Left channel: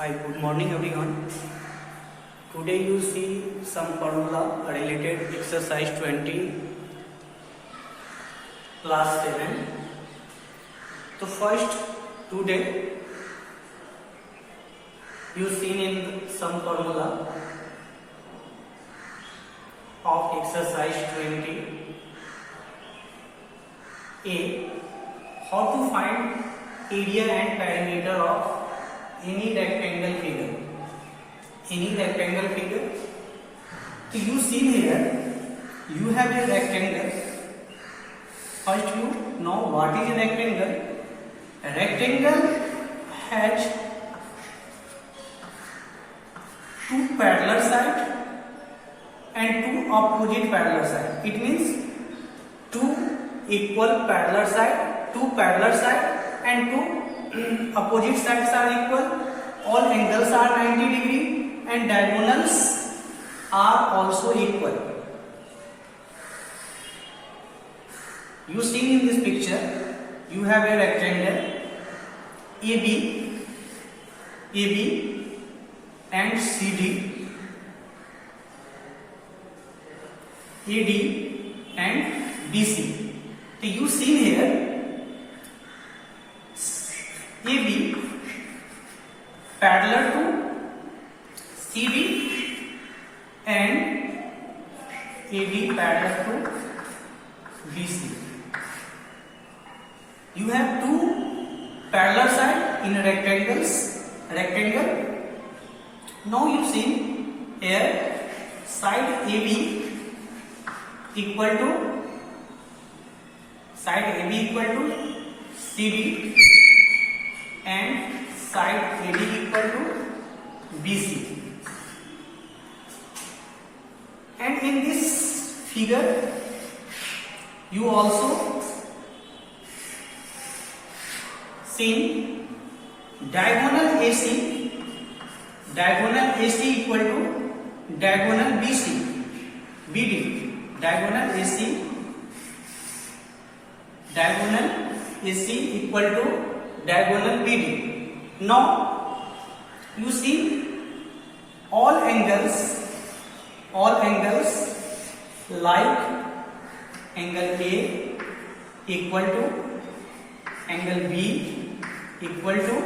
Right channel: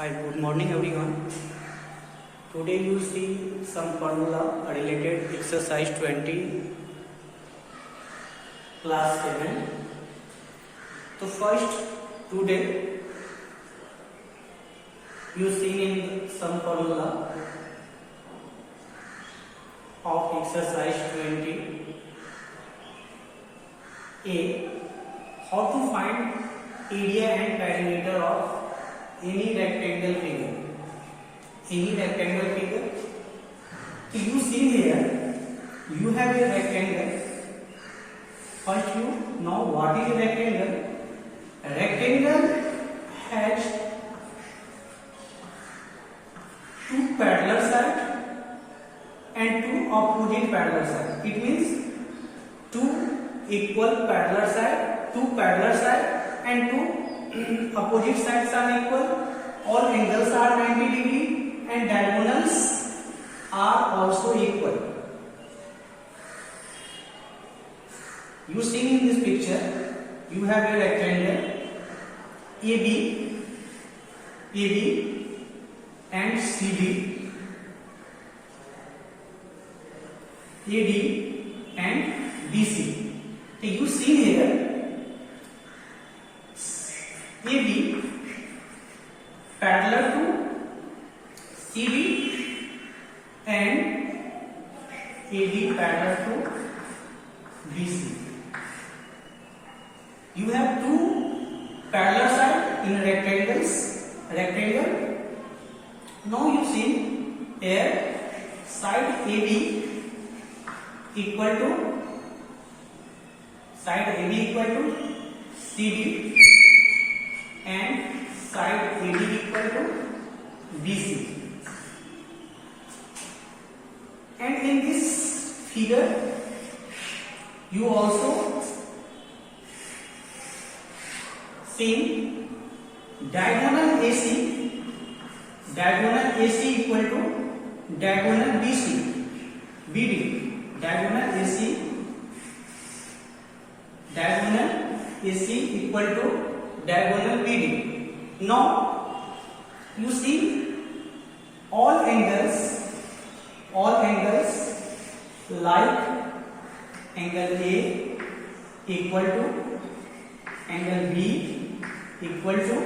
Hi, good morning everyone. Today you see some formula related exercise 20 class 7. So first today you seen in some formula of exercise 20 A, how to find area and perimeter of any rectangle figure. Any rectangle figure. So you see here, you have a rectangle. First you know what is a rectangle. A rectangle has two parallel sides and two opposite parallel sides. It means two equal parallel sides, two parallel sides and two opposite sides are equal. All angles are 90 degree and diagonals are also equal. You see in this picture, you have a rectangle AB and CD, AD and BC. So you see here AB parallel to CD and AD parallel to BC. You have two parallel sides in a rectangle. Now you see here side AB equal to CD and side AD equal to BC. And in this figure, you also see diagonal AC equal to diagonal BD. Diagonal AC equal to diagonal BD. Now you see all angles like angle A equal to angle B equal to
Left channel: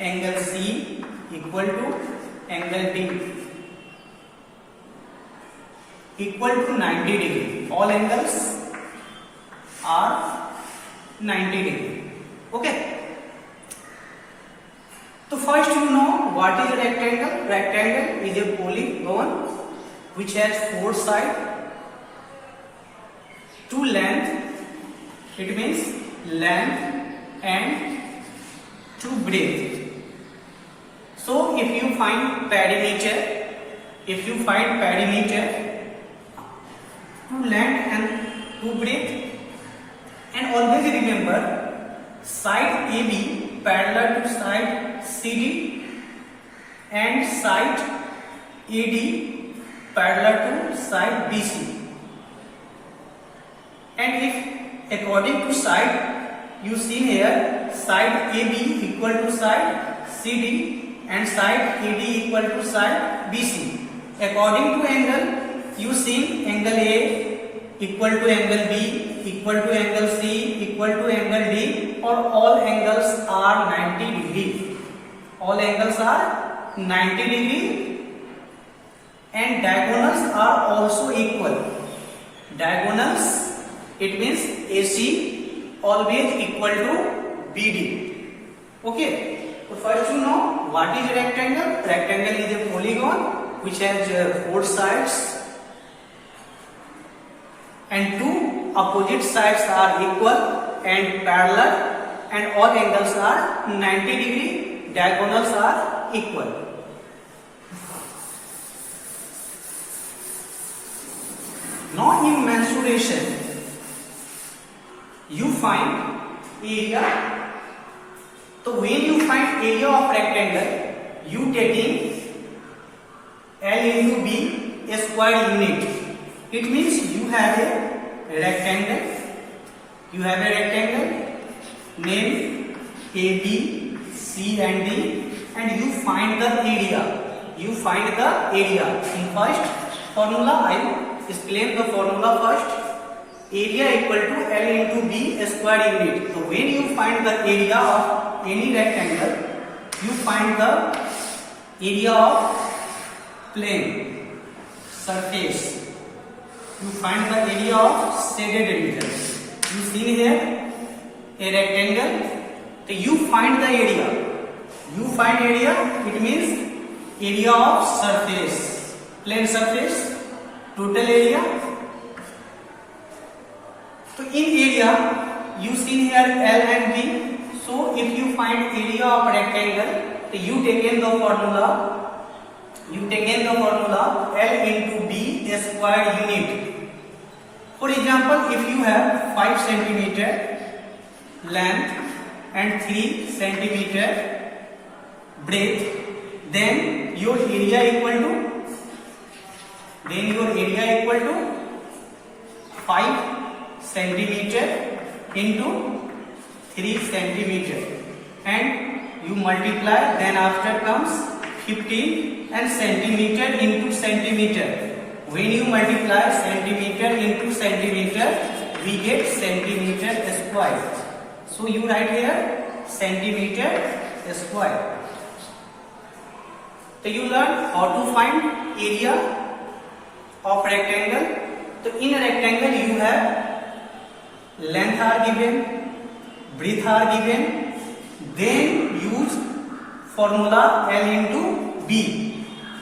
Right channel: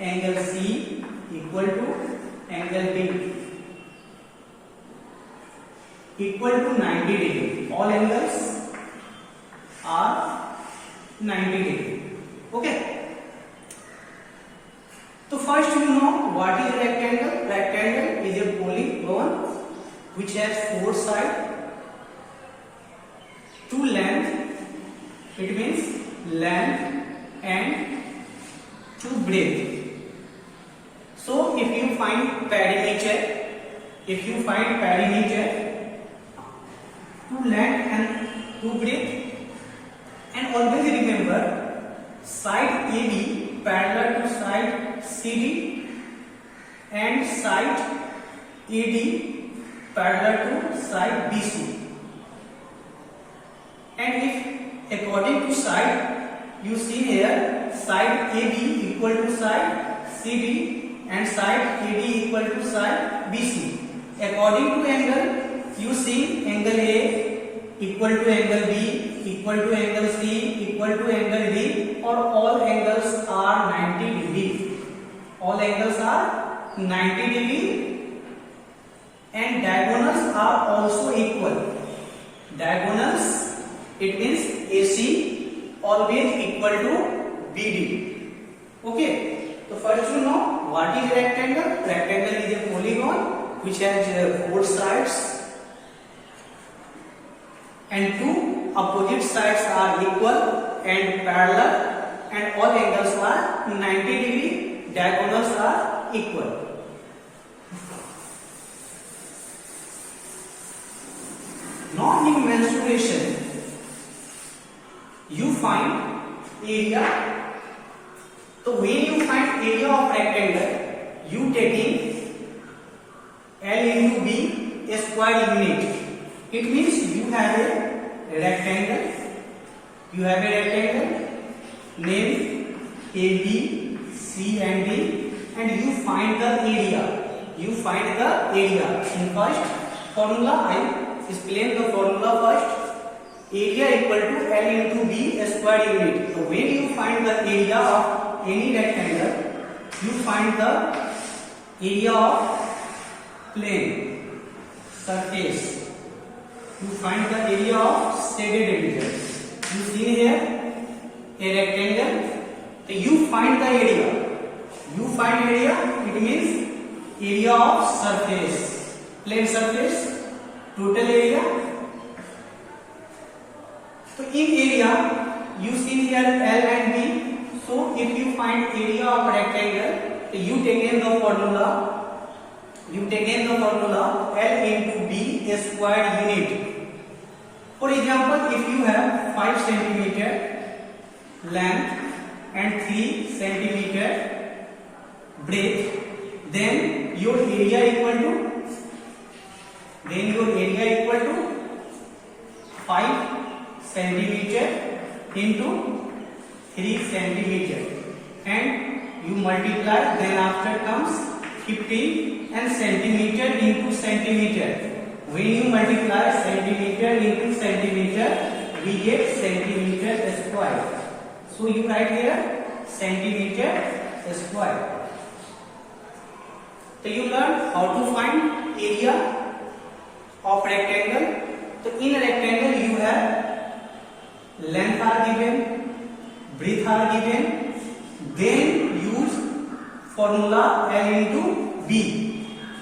angle C equal to angle D equal to 90 degree. All angles are 90 degree. Okay. So first you know what is a rectangle. Rectangle is a polygon which has four sides, two length. It means length and two breadth. So if you find perimeter, two length and two breadth, and always remember side AB parallel to side CD and side AD parallel to side BC. And if according to side, you see here side AB equal to side CD and side AD equal to side BC. According to angle, you see angle A equal to angle B equal to angle C equal to angle D, or all angles are 90 degree. All angles are 90 degree and diagonals are also equal. Diagonals, it means AC always equal to BD. Okay. So first you know what is a rectangle. Rectangle is a polygon which has four sides and two opposite sides are equal and parallel, and all angles are 90 degree. Diagonals are equal. Now in mensuration, you find area. So when you find area of rectangle, you taking L into B a square unit. It means you have a rectangle. Name A, B, C and D and you find the area. You find the area. In first formula, I explain the formula first. Area equal to L into B square unit. So when you find the area of any rectangle, you find the area of plane surface. You find the area of shaded region. You see here a rectangle. So you find the area. You find area. It means area of surface, plane surface, total area. So in area, you see here L and B. So if you find area of rectangle, so you take in the formula. You take in the formula L into B square unit. For example, if you have 5 centimeter length and 3 centimeter breadth, then your area equal to 5 centimeter into 3 centimeter, and you multiply, then after comes 15 and centimeter into centimeter. When you multiply centimeter into centimeter, we get centimeter square. So you write here centimeter square. So you learn how to find area of rectangle. So in a rectangle you have length are given, breadth are given, then use formula L into B.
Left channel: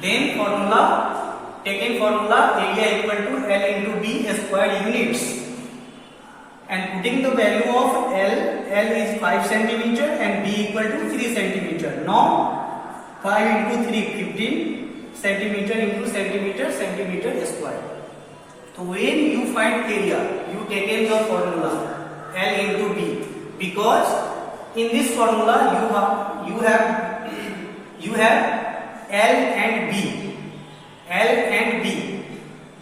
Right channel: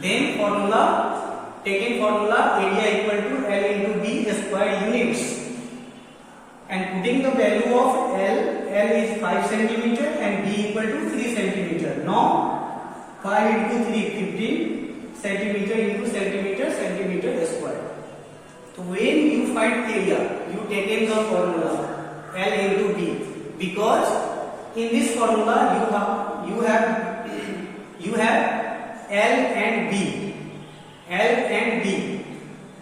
Then taken formula area equal to L into B square units, and putting the value of L is 5 centimeter and B equal to 3 centimeter. Now 5 into 3, 15 centimeter into centimeter square. So when you find area, you take in the formula L into B, because in this formula you have L and B.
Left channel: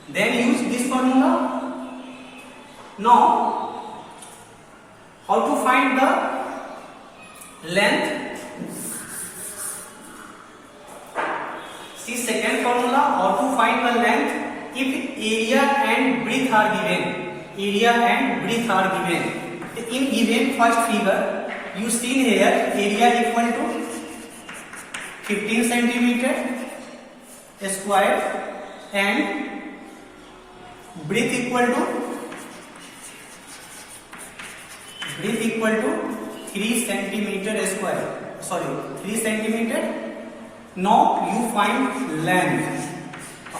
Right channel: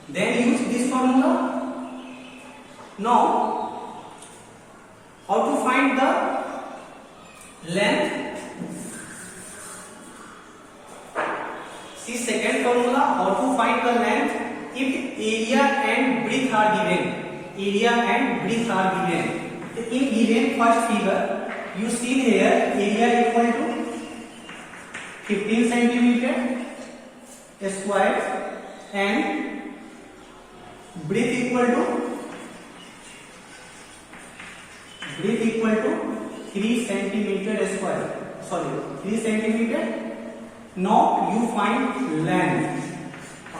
Then use this formula. Now, how to find the length? See second formula, how to find the length if area and breadth are given. In given first figure, you see here area equal to 15 centimeter square and breadth equal to 3 centimeter square. 3 centimeter. Now you find length.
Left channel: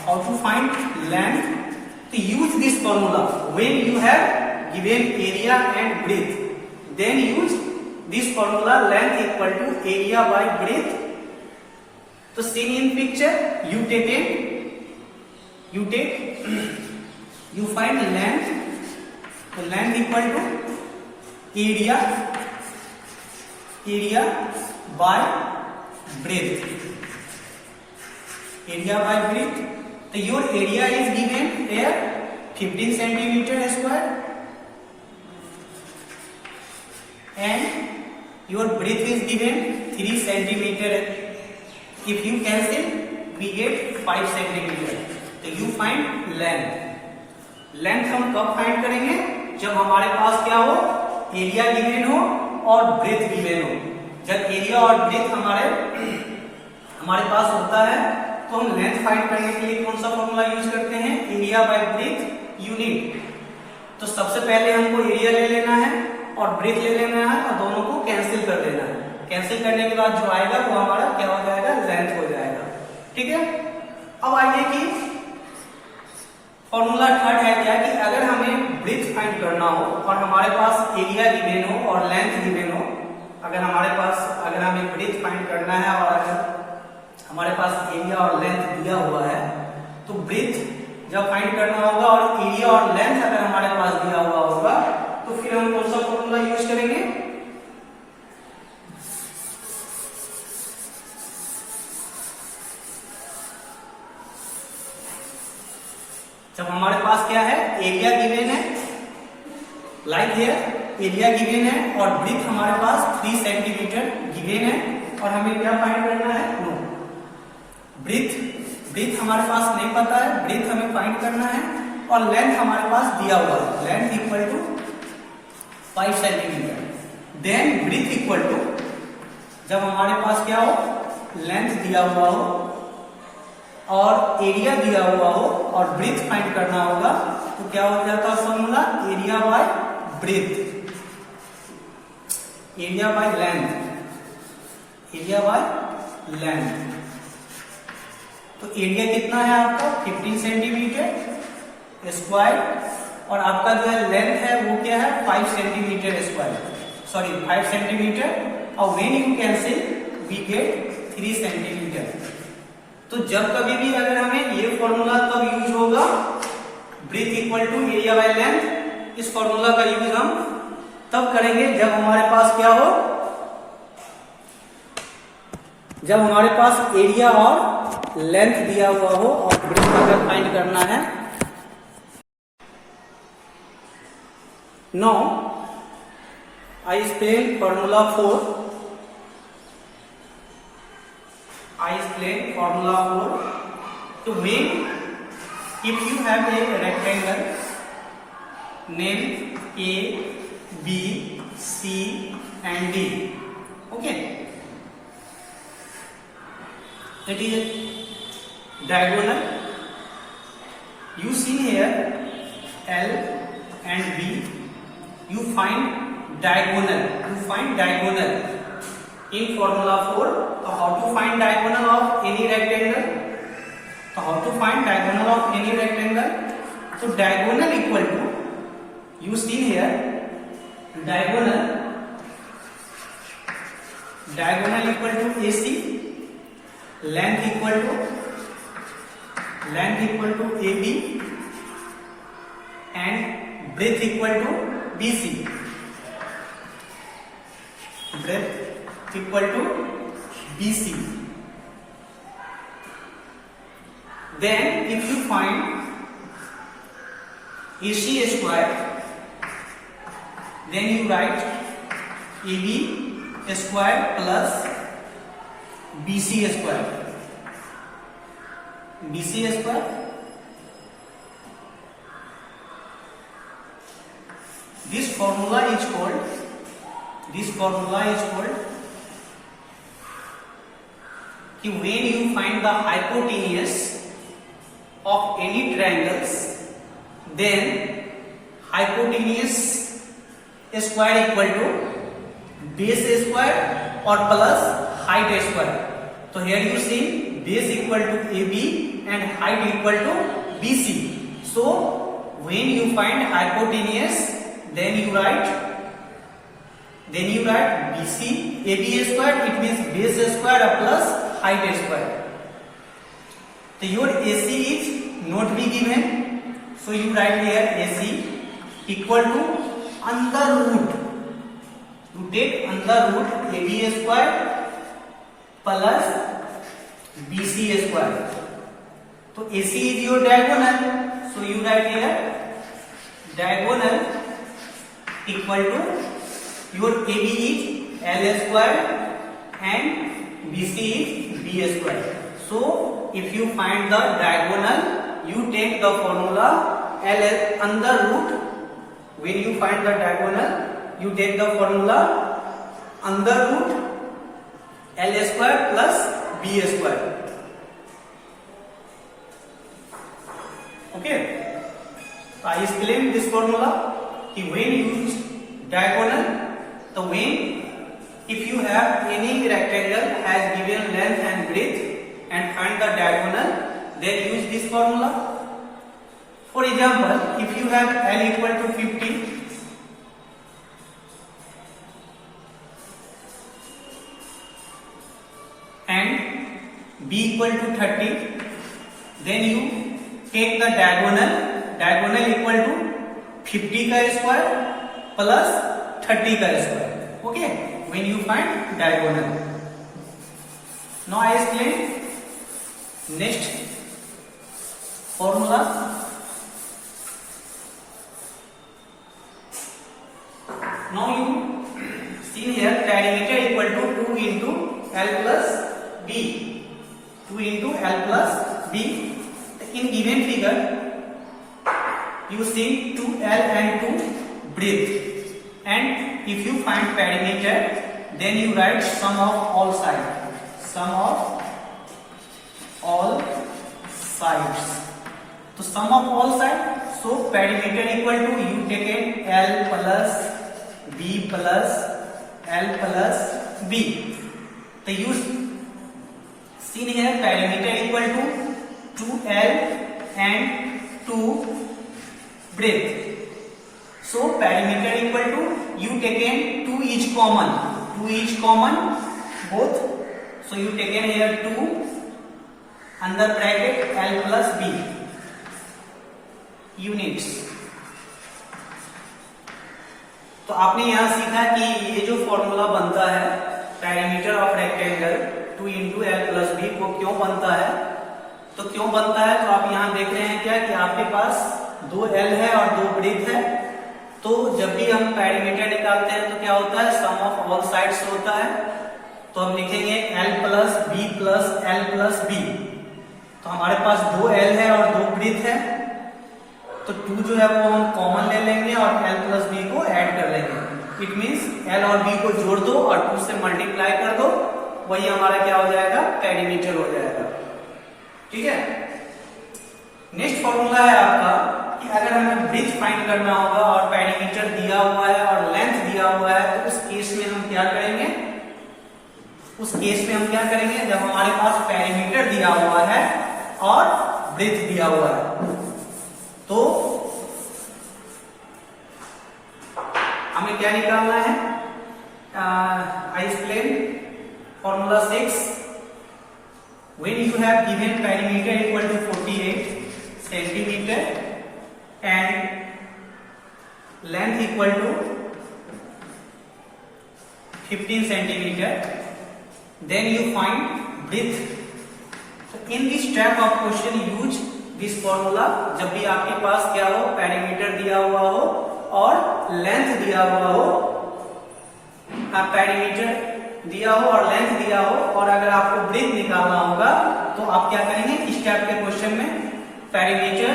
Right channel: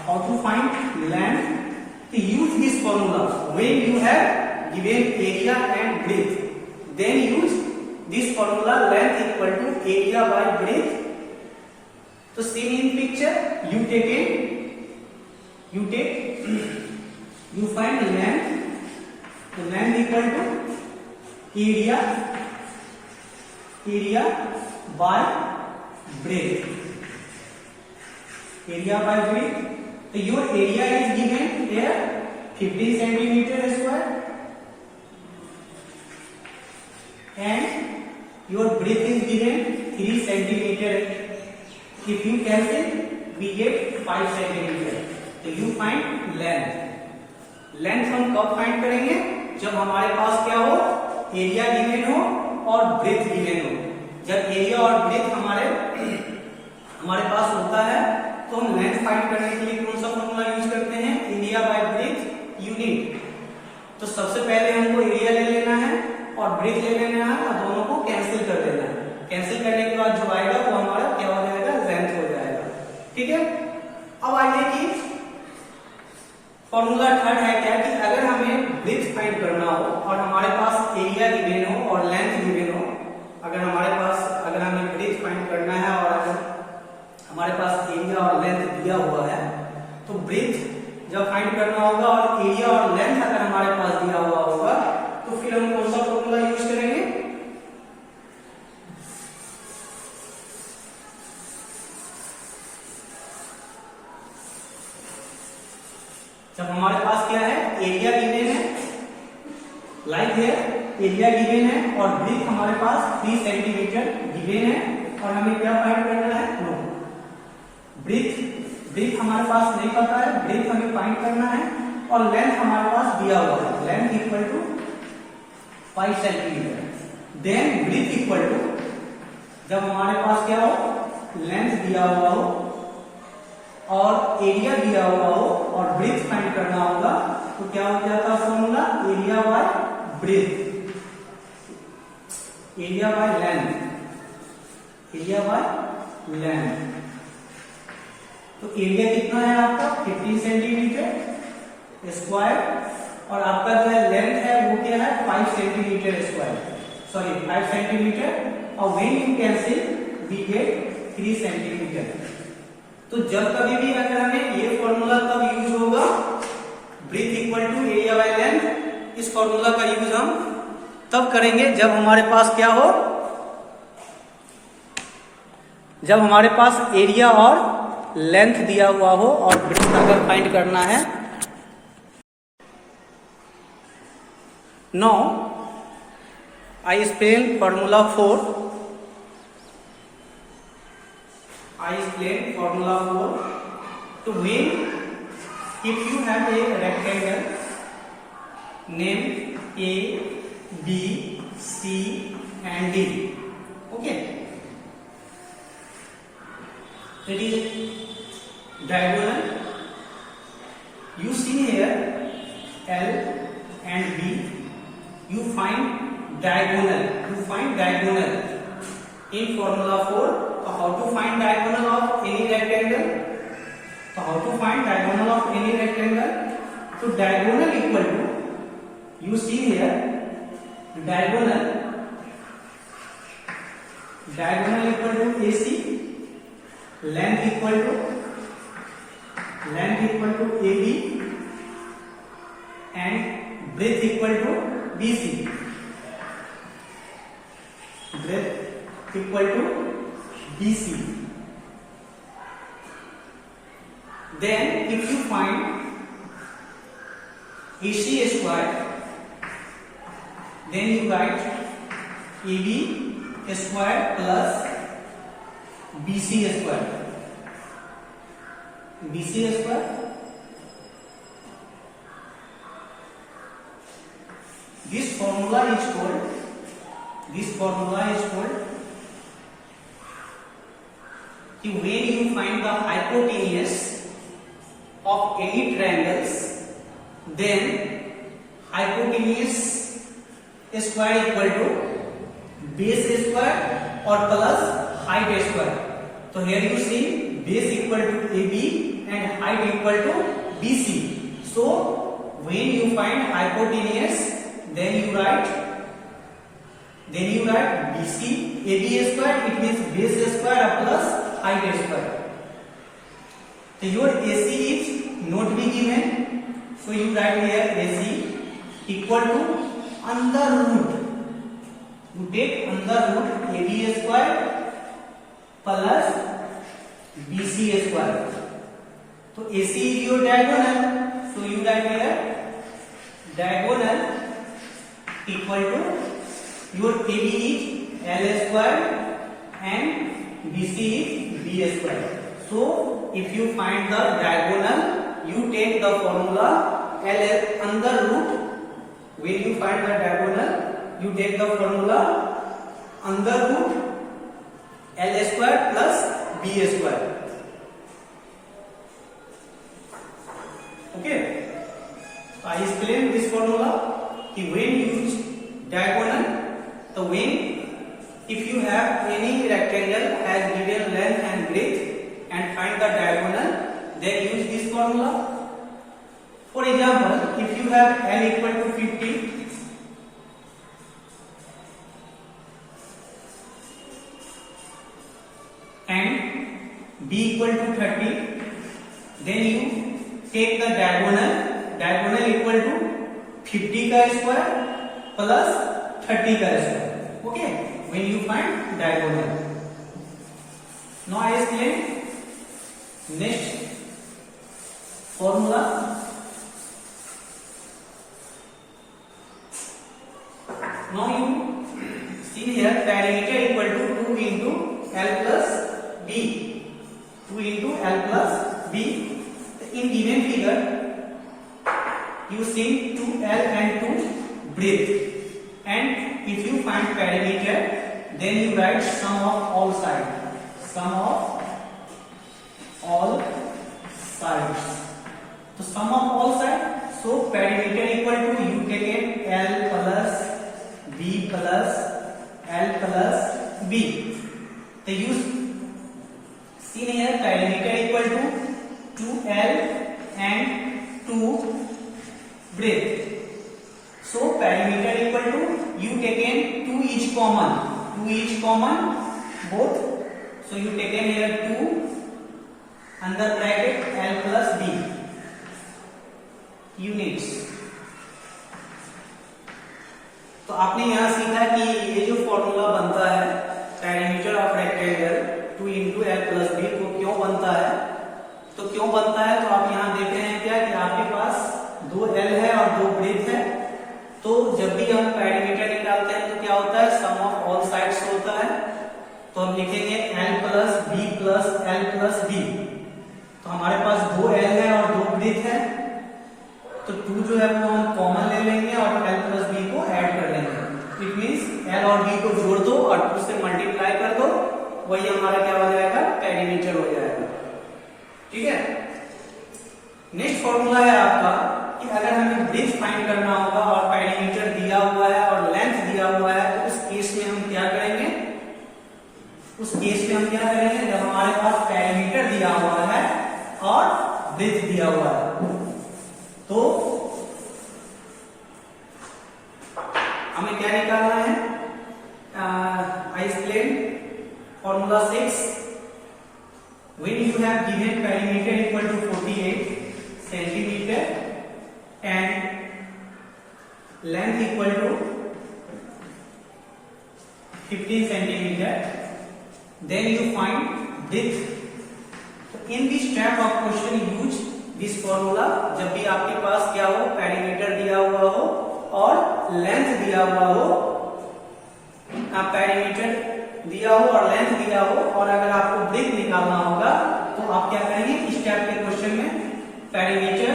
How to find length? To use this formula. When you have given area and breadth, then use this formula length equal to area by breadth. So seeing in picture, you find the length. The length equal to area by breadth. So your area is given here 15 centimeter square and your breadth is given 3 centimeter. If you cancel, we get 5 centimeter. तो you find length. Length हम कब find करेंगे? जब हमारे पास क्या हो, area given हो और ब्रेथ गिवन हो. जब एरिया और ब्रेथ हमारे पास होता है तो हम लेंथ फाइंड करने के लिए कौन सा फॉर्मूला यूज करते हैं? Area bye breath unit. तो सबसे पहले हमको एरिया ले लेना है और ब्रेथ ले लेना है और दोनों को कैंसिल कर देना है. कैंसिल करने के बाद जो आएगा वो हमारा क्या हो जाएगा? लेंथ हो जाएगा. ठीक है. अब आइए कि फॉर्मूला थर्ड है क्या कि अगर हमें ब्रेथ फाइंड करना हो और हमारे पास एरिया गिवन हो और लेंथ गिवन हो, अगर हमें ब्रेथ फाइंड करना है और अगर हमारे पास एरिया और लेंथ दिया हुआ है, तो ब्रेथ जब फाइंड करना होगा और एरिया और लेंथ अगर हमारे पास दिया हुआ होगा, तो फिर हम कौन सा फॉर्मूला यूज करेंगे? जब हमारे पास क्या है? एरिया गिवन है, लाइक हियर एरिया गिवन है और ब्रेथ हमारे पास 3 सेंटीमीटर गिवन है, और हमें क्या फाइंड करना है? नो। ब्रीथ हमारे पास नहीं पता है, ब्रीथ हमें फाइंड करना है, और लेंथ हमारे पास दिया हुआ है, length equal to 5 centimetre. Then breadth equal to, जब हमारे पास क्या हो, लेंथ दिया हुआ हो और एरिया दिया हुआ हो और ब्रीथ फाइंड करना होगा, तो क्या हो जाता है formula? Area by breadth, area by length, area by length. तो एरिया कितना है आपका? 15 सेंटीमीटर स्क्वायर, और आपका जो है लेंथ है वो क्या है? 5 सेंटीमीटर स्क्वायर, सॉरी 5 सेंटीमीटर, और when you cancel we get 3 centimetre. तो जब कभी भी अगर हमें ये फॉर्मूला कब यूज होगा? Breadth equal to area by length, इस फॉर्मूला का यूज हम तब करेंगे जब हमारे पास क्या हो, जब हमारे पास एरिया और लेंथ दिया हुआ हो और ब्रीथ अगर फाइंड करना है। Now I explain formula 4. I explain formula 4 to make, if you have a rectangle name A, B, C and D. Okay. That is a diagonal. You see here L and B. You find diagonal. You find diagonal in formula 4. So how to find diagonal of any rectangle? So how to find diagonal of any rectangle? So diagonal equal to, you see here diagonal equal to AC, length equal to AB, and breadth equal to BC. Breadth equal to BC. Then if you find AC square, then you write AB square plus BC square. BC square this formula is called when you find the hypotenuse of any triangles, then hypotenuse square equal to base square or plus height square. So here you see base equal to AB and height equal to BC. So when you find hypotenuse, then you write BC AB square, it means base square plus height square. So your AC is not be given, so you write here AC equal to under root, you take under root AB square plus BC square. So AC is your diagonal, so you write here diagonal equal to your AB is L square and BC is B square. So if you find the diagonal, you take the formula L under root. When you find the diagonal, you take the formula under root L square plus B square. Okay. I explained this formula. When you use diagonal, the when if you have any rectangle has given length and breadth and find the diagonal, then use this formula. For example, if you have L equal to 50 and B equal to 30, then you take the diagonal equal to 50 का square plus 30 का square. Okay, when you find diagonal. Now I explain next formula. Now you see here perimeter equal to 2 into L plus B. 2 into L plus B. In given figure, you see 2L and 2 breadth. And if you find perimeter, then you write sum of all sides. Sum of all sides. So sum of all sides. So perimeter equal to you take it L plus B plus L plus B. So you seen here perimeter equal to 2L and 2 breadth. So perimeter equal to you taken 2 each common. 2 each common both. So you taken here 2 under bracket L plus B units. तो आपने यहां सीखा कि ये जो formula बनता है perimeter of rectangle 2 into L plus B को क्यों बनता है, तो क्यों बनता है तो आप यहां देख रहे हैं क्या कि आपके पास 2 एल है और 2 ब्रेथ है। तो जब भी हम पेरीमीटर निकालते हैं तो क्या होता है सम ऑफ ऑल साइड्स होता है। तो हम लिखेंगे L plus B plus L plus B. तो हमारे पास 2 एल है और 2 ब्रेथ है, तो 2 जो है वो हम कॉमन ले लेंगे और L प्लस बी को ऐड कर लेंगे। इट मीन्स L और B को जोड़ दो और 2 से मल्टीप्लाई कर दो, वही हमारा क्या हो जाएगा पेरीमीटर हो जाएगा। ठीक है। नेक्स्ट फॉर्मूला है आपका कि अगर हमें ब्रेथ फाइंड करना होगा और पेरीमीटर दिया हुआ है और लेंथ दिया हुआ है, तो उस केस में हम क्या करेंगे, जब हमारे पास पेरीमीटर दिया हुआ है और ब्रेथ दिया हुआ है तो हमें क्या निकालना है। I explain formula 6। When you have given perimeter equal to 48 centimetre and length equal to 15 centimetre, then you find breadth. In this type of question use this formula. जब भी आपके पास क्या हो पेरीमीटर दिया हुआ हो और लेंथ दिया हुआ हो, पेरीमीटर दिया हो और लेंथ दिया हो, और अगर आपको ब्रेथ निकालना होगा तो आप क्या करेंगे, इस टाइप के क्वेश्चन में पेरीमीटर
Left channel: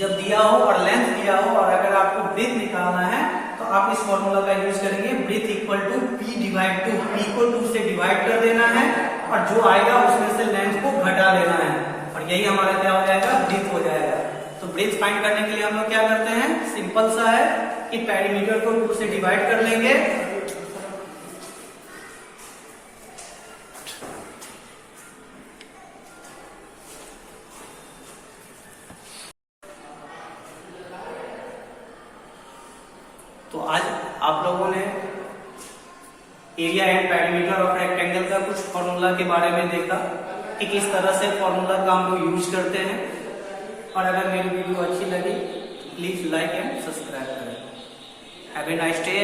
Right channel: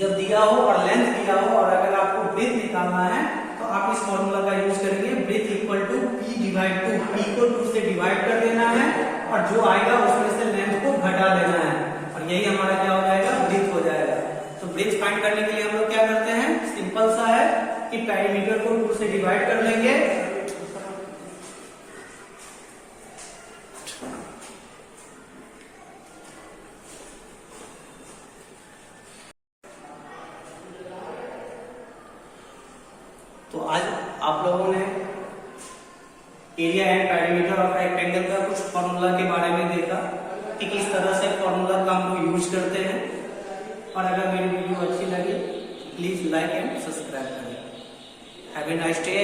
जब दिया हो और लेंथ दिया हो और अगर आपको ब्रेथ निकालना है तो आप इस फॉर्मूला का यूज करेंगे। Breadth equal to P divide two, P को 2 से डिवाइड कर देना है और जो आएगा उसमें से लेंथ को घटा देना है, और यही हमारा क्या हो जाएगा ब्रेथ हो जाएगा। तो ब्रेथ फाइंड करने के लिए हम लोग क्या करते हैं, सिंपल सा है कि पेरीमीटर को 2 से डिवाइड कर लेंगे तो आज आप लोगों ने area and perimeter of rectangle का कुछ फॉर्मूला के बारे में देखा कि किस तरह से फॉर्मूला का हम लोग यूज करते हैं। और अगर मेरी वीडियो अच्छी लगी प्लीज लाइक एंड सब्सक्राइब करें। Have a nice day.